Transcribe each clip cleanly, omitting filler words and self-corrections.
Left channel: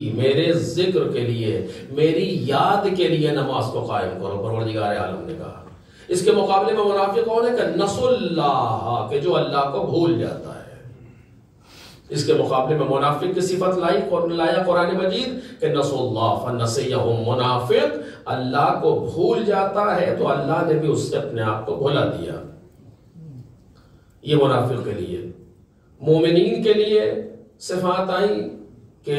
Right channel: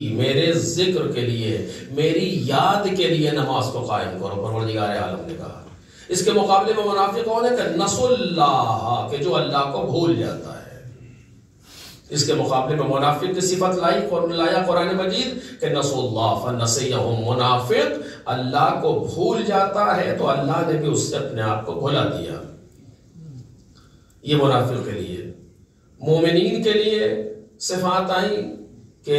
میرے ذکر کے لیے، میری یاد کے لیے نماز کو قائم کرو، پروردگار عالم نے کہا۔ اس کے مقابلے میں منافق کون ہے کہ نسوا اللہ، کہ جو اللہ کو بھول جاتا ہے۔ اس کے مقابلے میں منافق کی صفت لایا قرآن مجید کہ نسوا اللہ فنسیہم، منافق اللہ کو بھول جاتا ہے تو اللہ نے بھی اس سے اپنے آپ کو بھلا دیا۔ یہ منافق کے لیے۔ مومنین کے لیے صفات آئیں کہ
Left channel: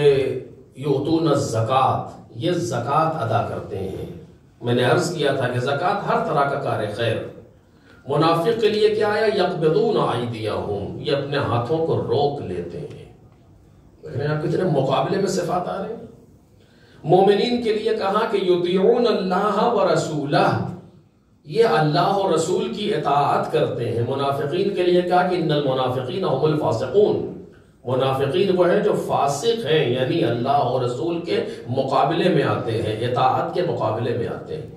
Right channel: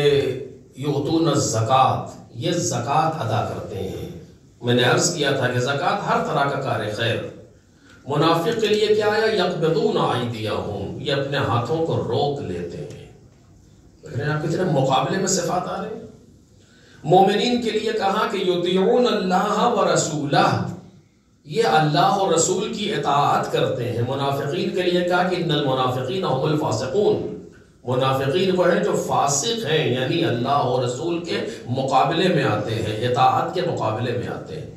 یؤتون الزکات، یہ زکات ادا کرتے ہیں۔ میں نے عرض کیا تھا کہ زکات ہر طرح کا کار خیر۔ منافق کے لیے کیا ہے؟ یقبضون ایدیہم، یہ اپنے ہاتھوں کو روک لیتے ہیں۔ لیکن آپ کتنے مقابلے میں صفات آ رہے ہیں۔ مومنین کے لیے کہا کہ یطیعون اللہ ورسولہ، یہ اللہ اور رسول کی اطاعت کرتے ہیں۔ منافقین کے لیے کہا کہ ان المنافقین هم الفاسقون، منافقین وہ ہیں جو فاسق ہیں، یعنی اللہ اور رسول کے مقابلے میں آتے ہیں، اطاعت کے مقابلے میں آتے ہیں۔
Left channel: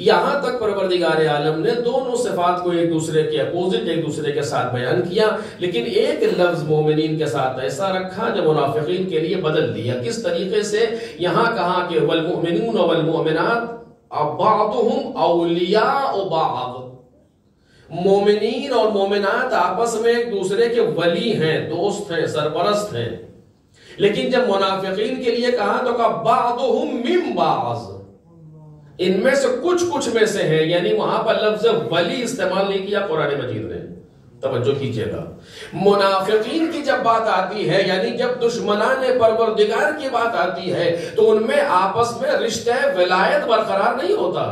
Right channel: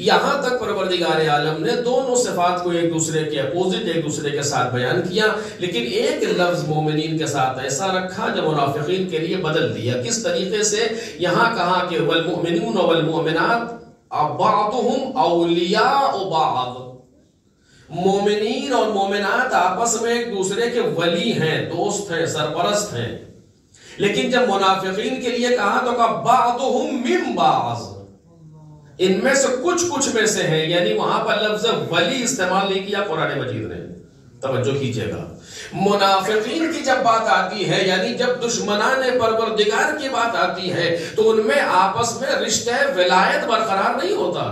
یہاں تک پروردگار عالم نے دونوں صفات کو ایک دوسرے کے اپوزٹ، ایک دوسرے کے ساتھ بیان کیا، لیکن ایک لفظ مومنین کے ساتھ ایسا رکھا جو منافقین کے لیے بدل دیا۔ کس طریقے سے؟ یہاں کہا کہ والمؤمنون والمؤمنات بعضهم اولیاء بعض، مومنین اور مومنات آپس میں ایک دوسرے کے ولی ہیں، دوست ہیں، سرپرست ہیں۔ لیکن جب منافقین کے لیے کہا تو کہا بعضهم من بعض، ان میں سے کچھ میں سے ہیں، یعنی وہاں پر لفظ ولی استعمال نہیں کیا قرآن مجید نے، توجہ کیجئے گا۔ منافقین کی جب بات آتی ہے، یعنی جب دشمنان پروردگار کی بات آتی ہے تو ان میں آپس میں رشتہ ولایت برقرار نہیں ہوتا،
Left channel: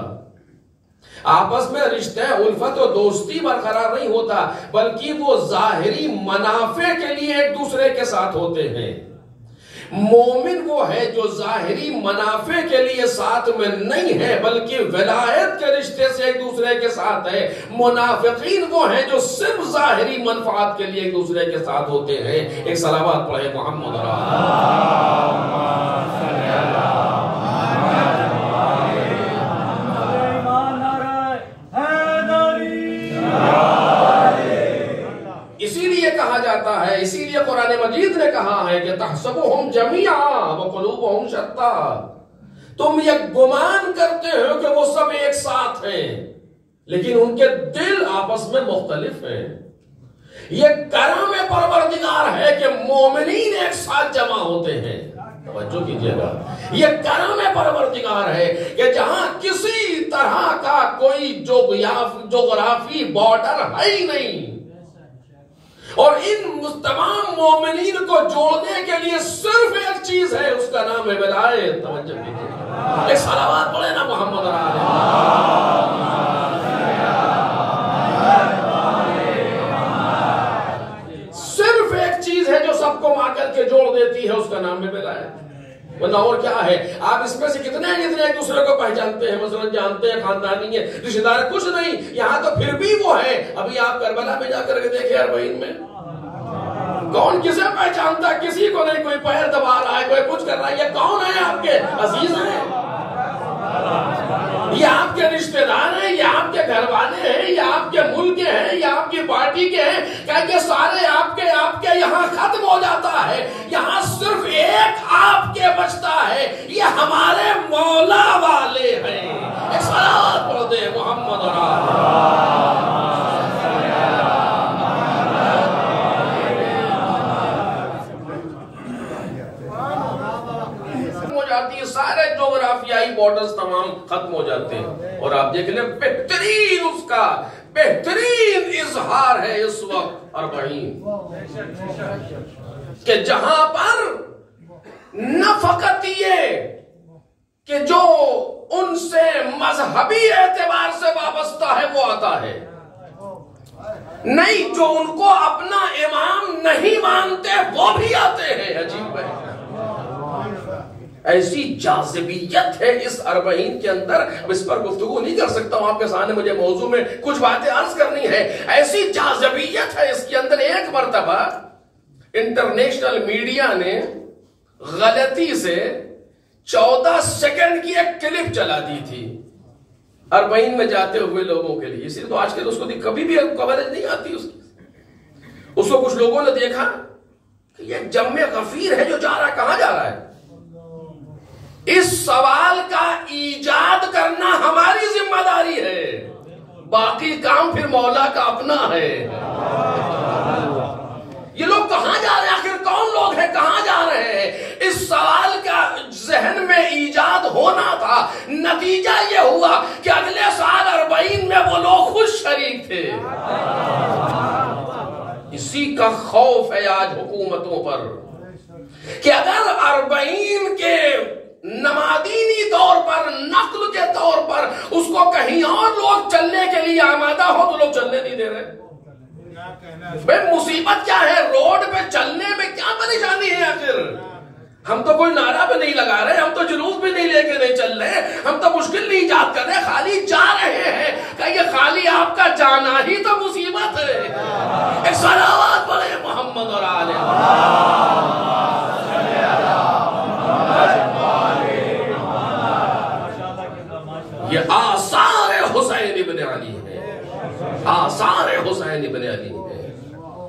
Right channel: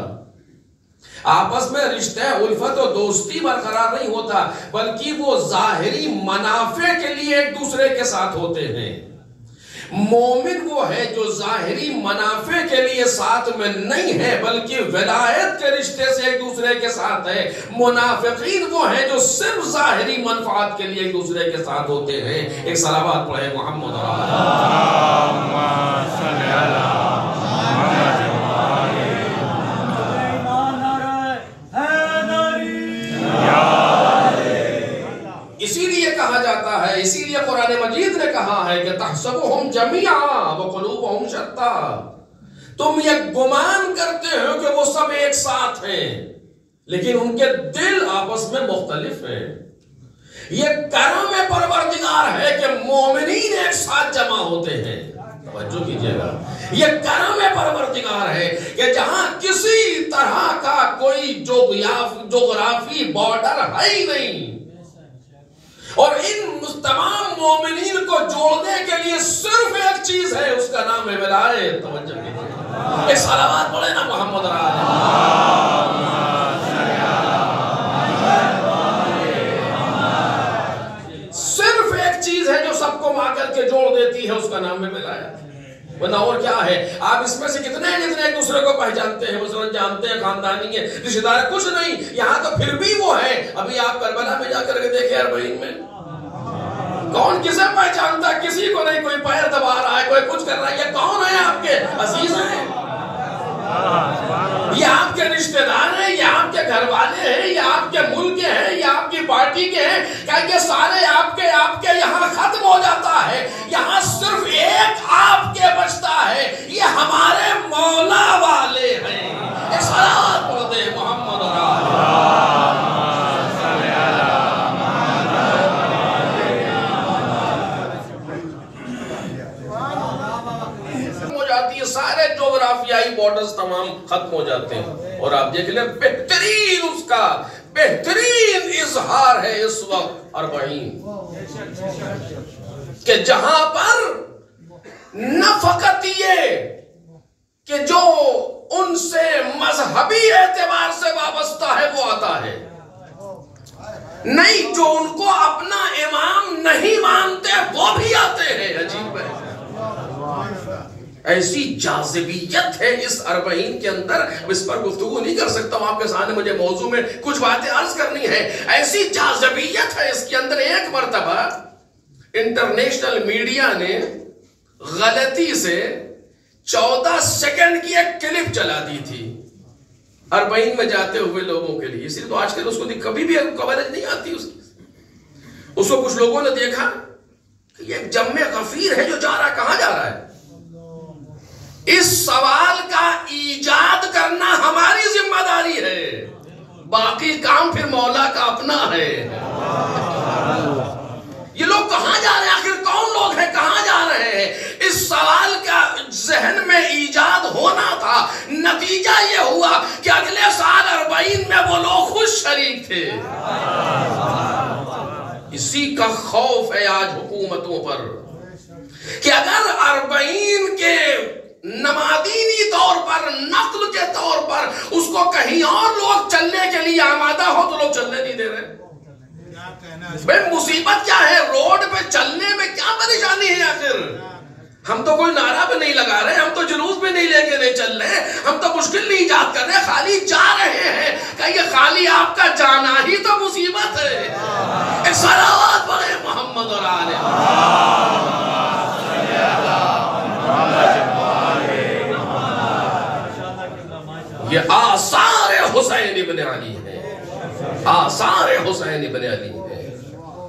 آپس میں رشتہ الفت و دوستی برقرار نہیں ہوتا، بلکہ وہ ظاہری منافع کے لیے ایک دوسرے کے ساتھ ہوتے ہیں۔ مومن وہ ہے جو ظاہری منافع کے لیے ساتھ میں نہیں ہے بلکہ ولایت کے رشتے سے ایک دوسرے کے ساتھ ہے۔ منافقین وہ ہیں جو صرف ظاہری منفعات کے لیے ایک دوسرے کے ساتھ ہوتے ہیں۔ ایک صلوات پڑھے محمد اسی لیے کہا جاتا ہے، اسی لیے قرآن مجید نے کہا ہے کہ تحسبهم جميعا وقلوبهم شتى، تم یہ گمان کرتے ہو کہ وہ سب ایک ساتھ ہیں لیکن ان کے دل آپس میں مختلف ہیں۔ یہ کرم پروردگار ہے کہ مومنین ایک ساتھ جمع ہوتے ہیں، توجہ کیجئے گا۔ یہ کرم پروردگار ہے کہ جہاں کسی طرح کا کوئی جغرافی بارڈر ہے ہی نہیں، اور ان تمام مومنین کو جوڑنے کے لیے صرف ایک چیز ہے، اس کا نام ہے ولایت۔ توجہ کیجئے، ایک صلوات پڑھے نا محمد صرف ایک چیز ہے جو سب کو مع کر کے جوڑ دیتی ہے، اس کا نام ہے ولایت، ورنہ اور کیا ہے؟ آپ اس میں سے کتنے ایک دوسرے کو پہچانتے ہیں، مثلا جانتے ہیں، خاندانی ہیں، رشتہ دار، کچھ نہیں، یہاں تو پھر بھی وہ ہے۔ ابھی آپ کربلا میں جا کر کے دیکھیں، اربعین میں کون کسے پہچانتا؟ کسی کو نہیں، کوئی پیر دبا رہا ہے، کوئی کچھ کر رہا ہے۔ یہ کون ہے؟ آپ کے عزیز ہیں، یہ آپ کے رشتہ دار ہیں، یہ آپ کے گھر والے ہیں، یہ آپ کے ملک کے ہیں، یہ آپ کی پارٹی کے ہیں، کہ سارے آپ کے یہاں ختم ہو جاتا ہے۔ یہاں صرف ایک آپ کے بچتا ہے، یہ ہمارے مولا والے ہیں۔ ایک صلوات پڑھ دے محمد سارے جغرافیائی بارڈرز تمام ختم ہو جاتے ہیں، اور آپ دیکھ لیں بہترین، اس کا بہترین اظہار ہے اس وقت اربعین، کہ جہاں پر نہ فقط یہ کہ جو ان سے مذہبی اعتبار سے وابستہ ہے وہ آتا ہے، نہیں، جو ان کو اپنا امام نہیں مانتے وہ بھی آتے ہیں۔ عجیب ہے، ایسی جاذبیت ہے اس اربعین کے اندر، اس پر گفتگو نہیں کر سکتا ہوں، آپ کے سامنے مجھے موضوع میں کچھ باتیں عرض کرنی ہے۔ ایسی جاذبیت ہے اس کے اندر۔ ایک مرتبہ انٹرنیشنل میڈیا نے غلطی سے 14 سیکنڈ کی ایک کلپ چلا دی تھی اربعین میں جاتے ہوئے لوگوں کے لیے، اس لیے تو آج کل اس کو کبھی بھی کوریج نہیں آتی اس کو کچھ لوگوں نے دیکھا کہ یہ جمع غفیر ہے جو جا رہا ہے، کہاں جا رہا ہے؟ اس سوال کا ایجاد کرنا ہماری ذمہ داری ہے، باقی کام پھر مولا کا اپنا ہے۔ یہ لوگ کہاں جا رہے ہیں؟ آخر کون لوگ ہیں؟ کہاں جا رہے ہیں؟ اس سوال کا ذہن میں ایجاد ہونا تھا، نتیجہ یہ ہوا کہ اگلے سال 40 میں وہ لوگ خود شریک تھے۔ اسی کا خوف ہے آج حکومتوں پر کہ اگر 40 کے نمادینی طور پر، نقل کے طور پر اس کو کہیں اور لوگ چلنے کے لیے آمادہ ہو تو لوگ چلنے نہیں دے رہے۔ بے مصیبت کیا ہے؟ روڈ پہ چلنے میں کیا پریشانی ہے آخر؟ ہم تو کوئی نعرہ بھی نہیں لگا رہے، ہم تو جلوس بھی نہیں لے کے نہیں چل رہے، ہم تو مشکل نہیں ایجاد کر رہے، خالی جا رہے ہیں۔ کہ یہ خالی آپ کا جانا ہی تو مصیبت ہے۔ ایک صلوات پڑھیں محمد اور آل یہ آثار حسین ابن علی ہے، آثار حسین ابن علی ہے۔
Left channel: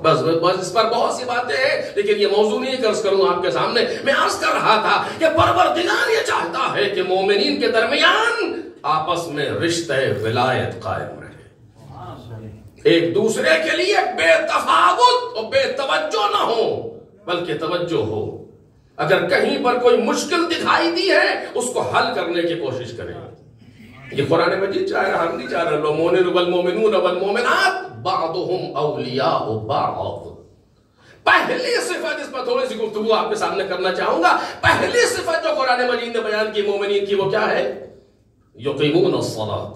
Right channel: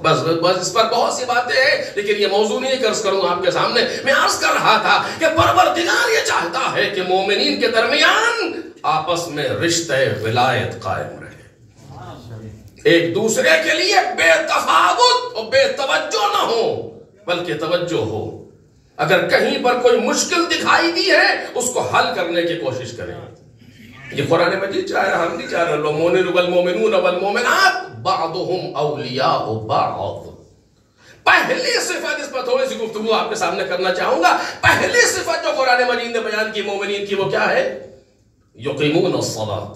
بس اس پر بہت سی باتیں ہیں، لیکن یہ موضوع نہیں عرض کروں آپ کے سامنے۔ میں عرض کر رہا تھا کہ پروردگار یہ چاہتا ہے کہ مومنین کے درمیان آپس میں رشتہ ولایت قائم رہے، ایک دوسرے کے لیے بے تفاوت اور بے توجہ نہ ہو، بلکہ توجہ ہو۔ اگر کہیں پر کوئی مشکل دکھائی دی ہے اس کو حل کرنے کی کوشش کریں۔ یہ قرآن مجید چاہ رہا، ہم نہیں چاہ رہے۔ المؤمنون والمؤمنون والمؤمنات بعضهم اولیاء بعض۔ پہلی صفت، اس پر تھوڑی سی گفتگو آپ کے سامنے کرنا چاہوں گا۔ پہلی صفت جو قرآن مجید نے بیان کی مومنین کی، وہ کیا ہے؟ یقیمون الصلاۃ۔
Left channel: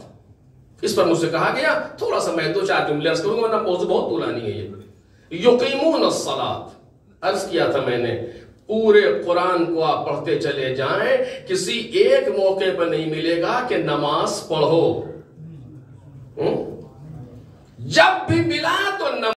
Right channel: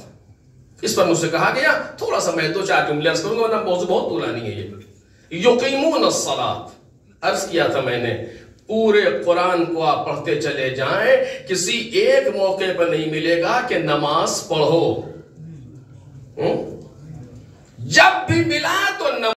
اس پر مجھ سے کہا گیا، تھوڑا سا میں 2-4 جملے عرض کروں گا ورنہ موضوع بہت طولانی ہے۔ یہ یقیمون الصلاۃ عرض کیا تھا میں نے، پورے قرآن کو آپ پڑھتے چلے جائیں، کسی ایک موقع پر نہیں ملے گا کہ نماز پڑھو، جب بھی ملا تو